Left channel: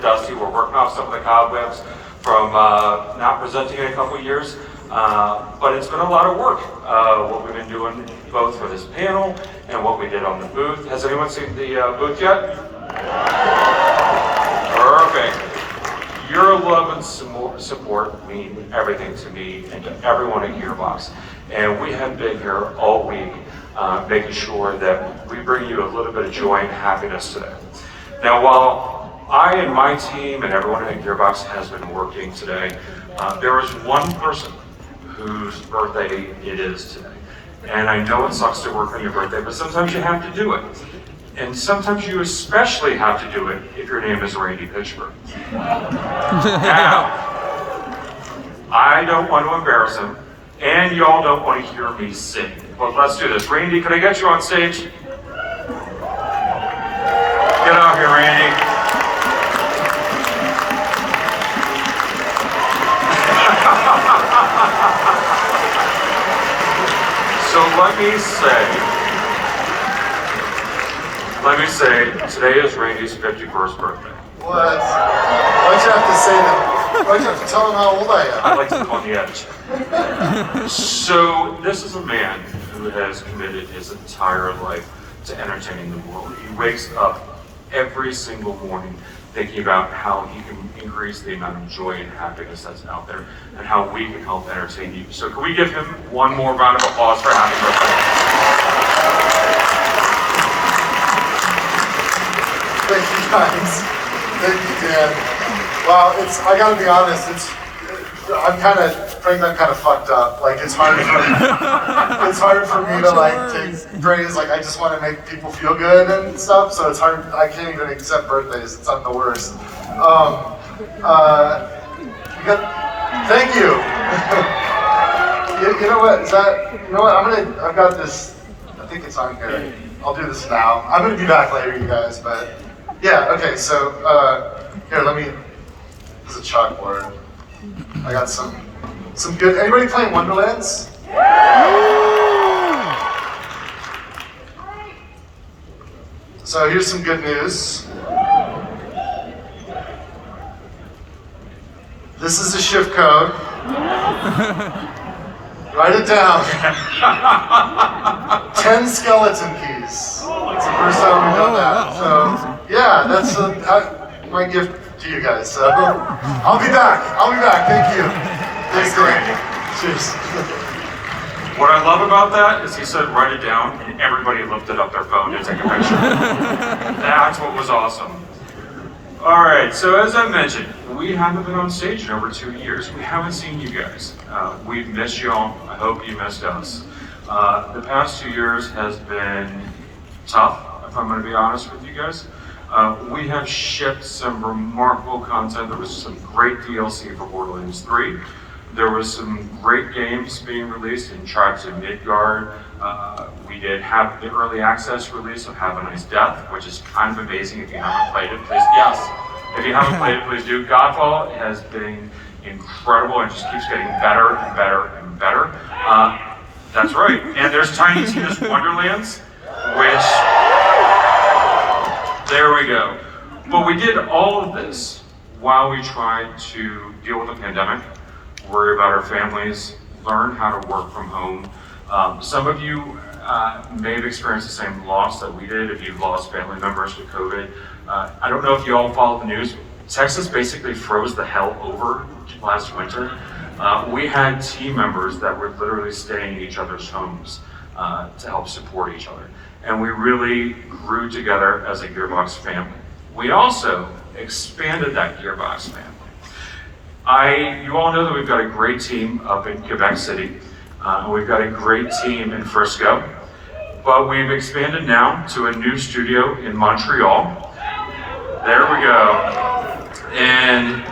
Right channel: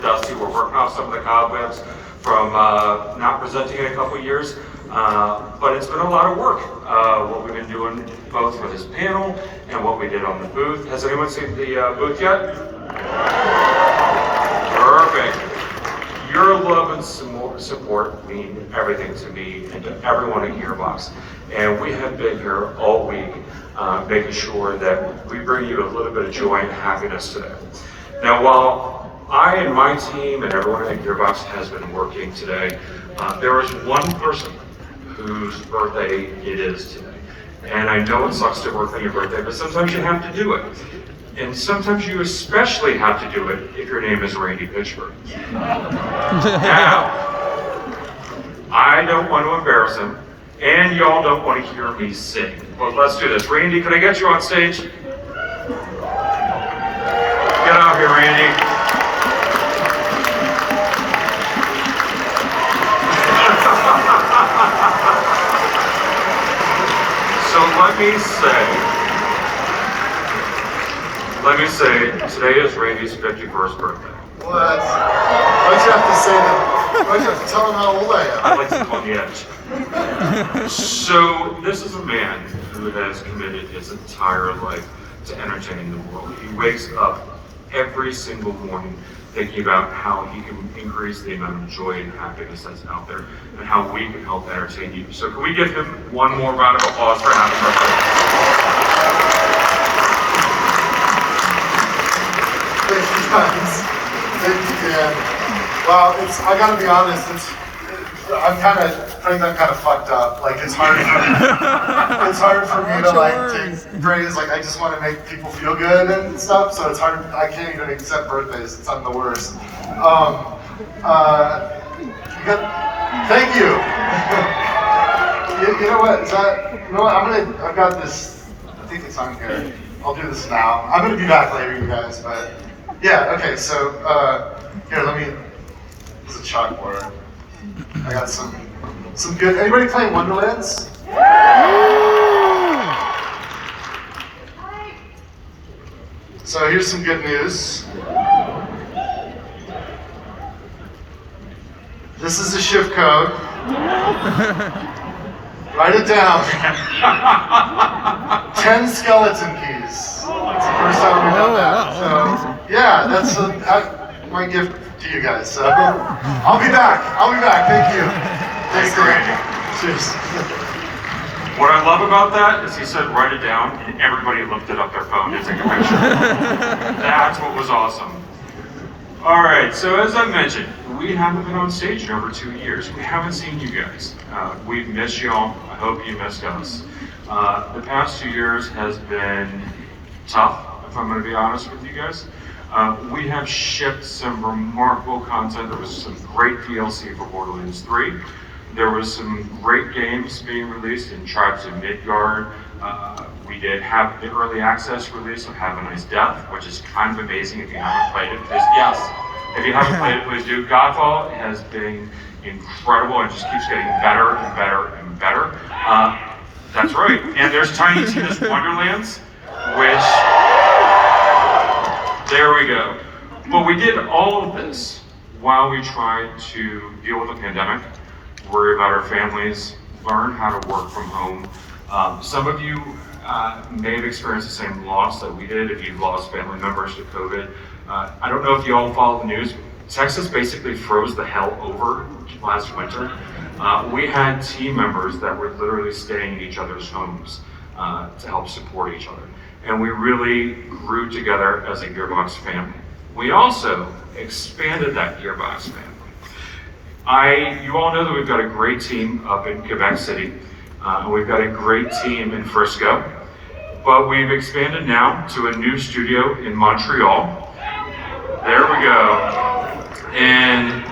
dusty. We're working off some of the cobwebs from not presenting in a couple of years. But it's been a lot of work, what we've been doing both for this panel and what we did on the booth. Has anyone seen the booth yet? Perfect. Your love and support mean everything to me and to everyone at GEARBOX. And we have been here all week making sure that we bring you a little bit of joy and happiness today. Now, while I and my team and everyone at GEARBOX has been working today, there is one person whose birthday it is today. And I know it sucks to work on your birthday, but sometimes you have to do it. And sometimes you especially have to do it if your name is Randy Pitchford. Now, I don't want to embarrass him, and y'all don't want to hear me sing. But let's do this. Randy, can I get you on stage? Get out here, Randy. So let me say, today is Randy's 51st birthday. What? Why'd you have to say that? Why'd you have to tell him how old I am? I'd like to call the edge. So this is a man who has committed his entire life to entertaining the world. He wakes up every single morning thinking about how he can increase the amount of joy and happiness that's out there and how we can help entertain you. So can we give him one more round of applause for happy birthday? Thank you guys. Thank you, Dan. Well, I gotta be honest, I'm kind of fucked up. Like, it's hard for me to take praise. Like, I just want to make people feel good and stuff. So it's hard. I can't even accept birthdays. It's I'm the worst. Thank you. You know what? You know what? I've got this. I think it's on here. I'll do this now. I'm gonna be back later, you guys. But yeah. Okay. So here, there's a chalkboard. I got some good. Anybody playing Wonderlands? So here's some good news. This is the shift code. Write it down. 10 skeleton keys. It's the first time we've done that. So yeah, that's my gift to you guys. So I'll be back. Thank you. Thanks, Randy. Cheers. What I love about that is he said write it down and everybody lifted up their phone to take a picture. That's what was awesome. All right, so as I mentioned, we haven't been on stage in over 2 years. We haven't seen you guys. We've missed y'all. I hope you missed us. The past 2 years has been tough, if I'm going to be honest with you guys. We have shipped some remarkable content. There was some great DLC for Borderlands 3. There was some great games being released in Tribes of Midgard. We did have the early access release of Have a Nice Death, which is kind of amazing. If you haven't played it, please, yes. If you haven't played it, please do. Godfall has been incredible and just keeps getting better and better and better. That's right. And there's Tiny Tina's Wonderlands, which, there we go. But we did all of this while we tried to deal with the pandemic, worry about our families, learn how to work from home. Some of you may have experienced the same loss that we did if you've lost family members to COVID. I don't know if you all follow the news. Texas basically froze the hell over last winter. We had team members that were literally staying in each other's homes to help support each other. And we really grew together as a GEARBOX family. We also expanded that GEARBOX family. You all know that we've got a great team up in Quebec City. We've got a great team in Frisco, but we've expanded now to a new studio in Montreal. There we go. And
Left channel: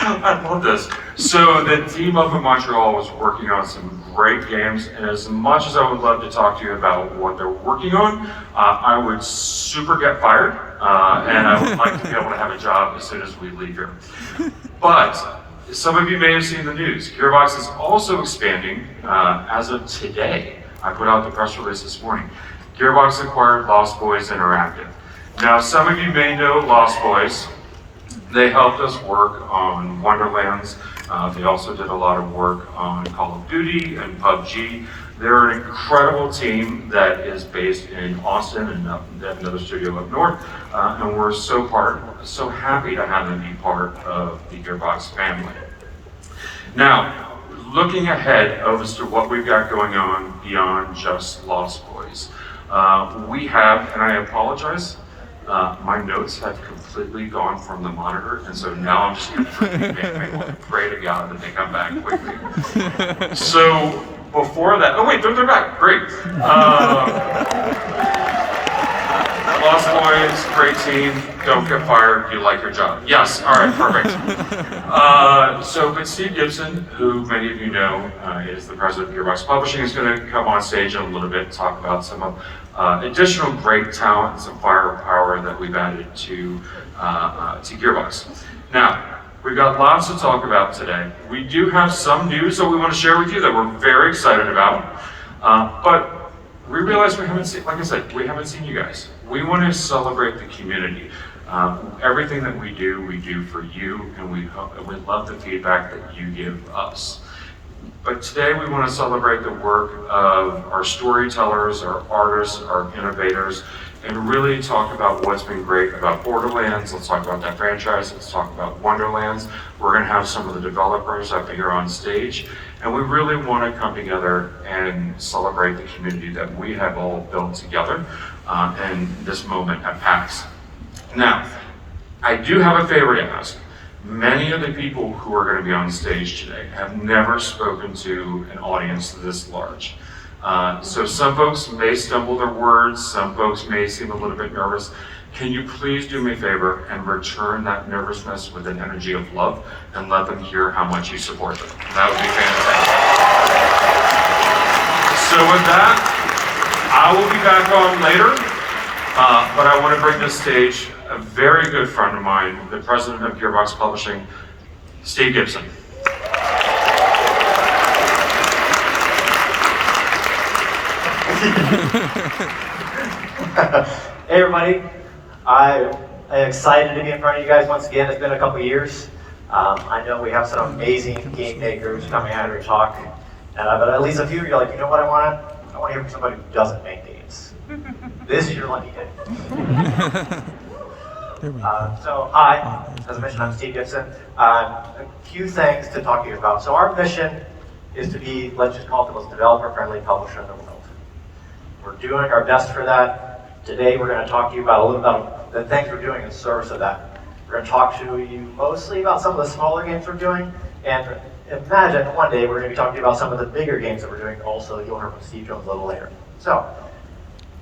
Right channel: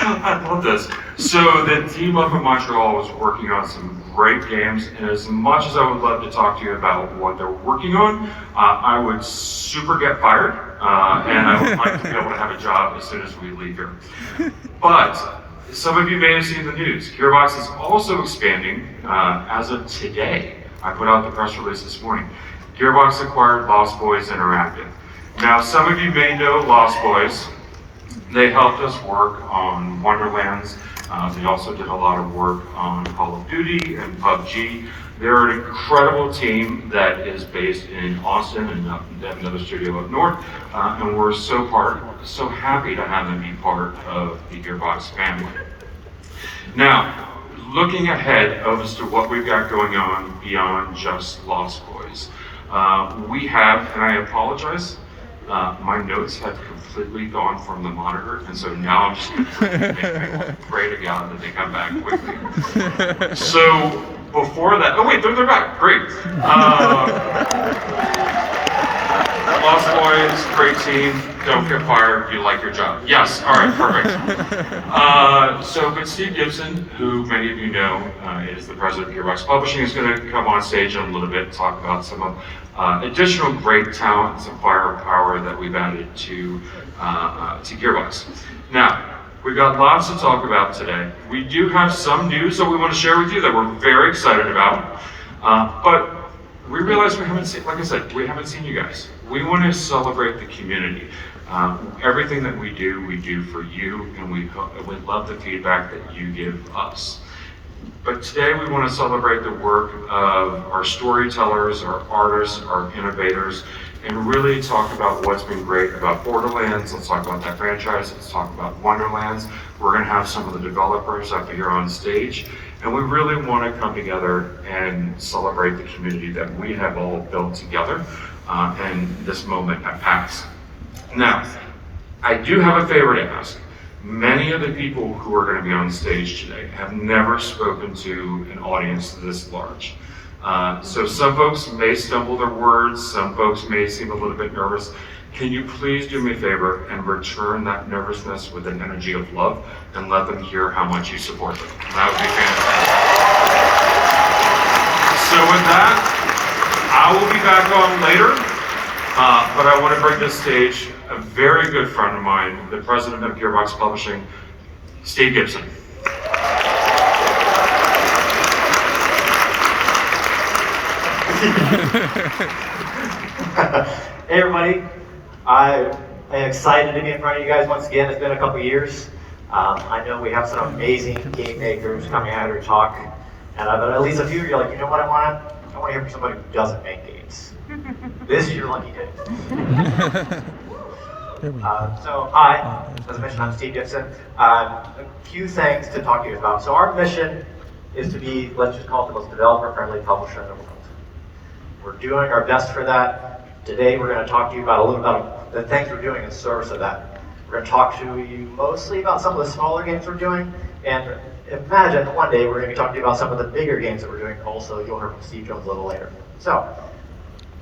I love this. So the team up in Montreal was working on some great games, and as much as I would love to talk to you about what they're working on, I would super get fired, and I would like to be able to have a job as soon as we leave here. But some of you may have seen the news. GEARBOX is also expanding as of today. I put out the press release this morning. GEARBOX acquired Lost Boys Interactive. Now, some of you may know Lost Boys. They helped us work on Wonderlands. They also did a lot of work on Call of Duty and PUBG. They're an incredible team that is based in Austin and they have another studio up north. And we're so happy to have them be part of the GEARBOX family. Now, looking ahead as to what we've got going on beyond just Lost Boys, we have, and I apologize, my notes have completely gone from the monitor, and so now I'm just going to pray to God that they come back quickly. So before that, oh wait, they're back, great. Lost Boys, great team, don't get fired, you like your job. Yes, all right, perfect. But Steve Gibson, who many of you know is the president of GEARBOX Publishing, is going to come on stage in a little bit and talk about some of additional great talent and some firepower that we've added to GEARBOX. Now, we've got lots to talk about today. We do have some news that we want to share with you that we're very excited about, but we realize we haven't seen, like I said, we haven't seen you guys. We want to celebrate the community. Everything that we do for you, and we love the feedback that you give us. But today we want to celebrate the work of our storytellers, our artists, our innovators, and really talk about what's been great about Borderlands. Let's talk about that franchise. Let's talk about Wonderlands. We're going to have some of the developers up here on stage. And we really want to come together and celebrate the community that we have all built together in this moment at PAX. Now, I do have a favor to ask. Many of the people who are going to be on stage today have never spoken to an audience this large. So some folks may stumble their words, some folks may seem a little bit nervous. Can you please do me a favor and return that nervousness with an energy of love and let them hear how much you support them? That would be fantastic. So with that, I will be back on later, but I want to bring to the stage a very good friend of mine, the president of GEARBOX Publishing, Steve Gibson. Hey everybody, I am excited to be in front of you guys once again. It's been a couple years. I know we have some amazing game makers coming out here to talk, but at least a few of you are like, you know what I want to hear from somebody who doesn't make games. This is your lucky day. So hi, as I mentioned, I'm Steve Gibson. A few things to talk to you about. So our mission is to be, let's just call it the most developer-friendly publisher in the world. We're doing our best for that. Today we're going to talk to you about a little about the things we're doing in service of that. We're going to talk to you mostly about some of the smaller games we're doing, and imagine one day we're going to be talking to you about some of the bigger games that we're doing also. You'll hear from Steve Jones a little later. So,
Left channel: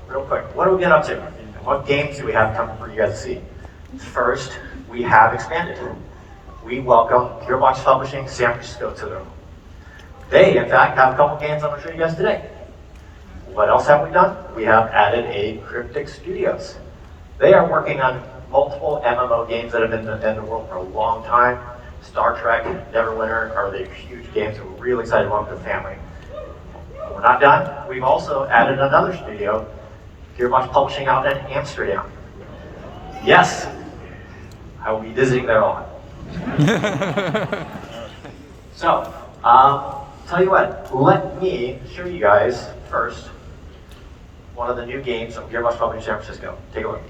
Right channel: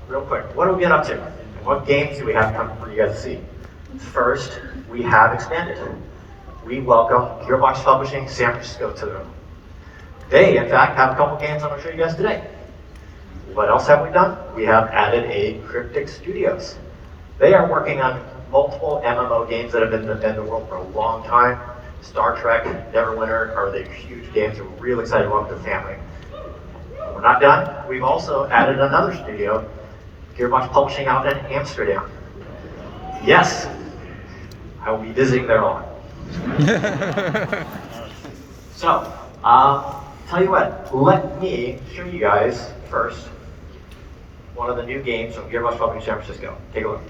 real quick, what do we get up to? What games do we have coming for you guys to see? First, we have expanded. We welcome GEARBOX Publishing San Francisco to the room. They, in fact, have a couple games I'm going to show you guys today. What else have we done? We have added a Cryptic Studios. They are working on multiple MMO games that have been in the world for a long time. Star Trek, Neverwinter are the huge games that we're really excited to welcome to the family. We're not done. We've also added another studio, GEARBOX Publishing out in Amsterdam. Yes, I will be visiting there a lot. So, tell you what, let me show you guys first one of the new games from GEARBOX Publishing San Francisco. Take a look.